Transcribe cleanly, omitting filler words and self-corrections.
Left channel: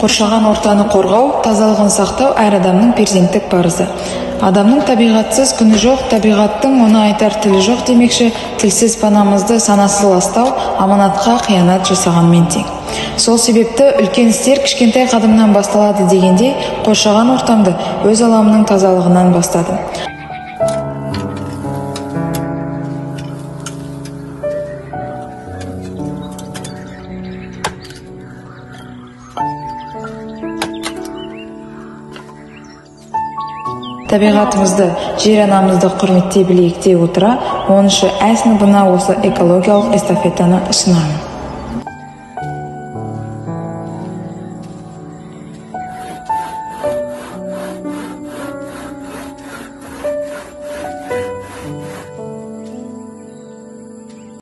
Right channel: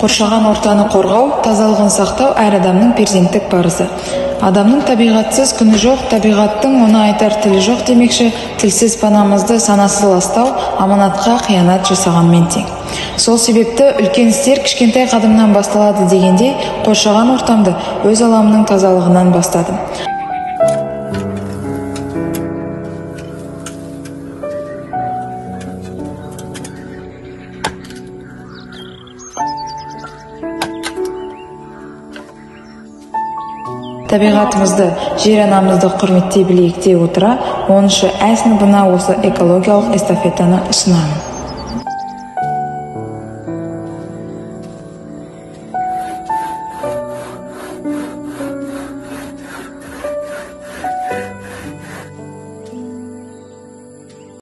Қоршаған ортаны қорғау, тазалығын сақтау әр адамның перзенттік парызы. Адамның табиғатсыз күні жоқ, табиғаттың оны айтар тілі жоқ демекші, тілсіз панамызды санасыз ластау аманатқа қиянат жасағанмен тең. Сол себепті үлкен істер кішкентай қадамнан басталады дегендей, қоршаған ортамды өз аламның тазалығынан бастадым. Табиғатымызды, жер анамызды құрметтей білейік дей отыра, 10-шы А сыныбына осы экологиялық эстафетаны ұсынамын.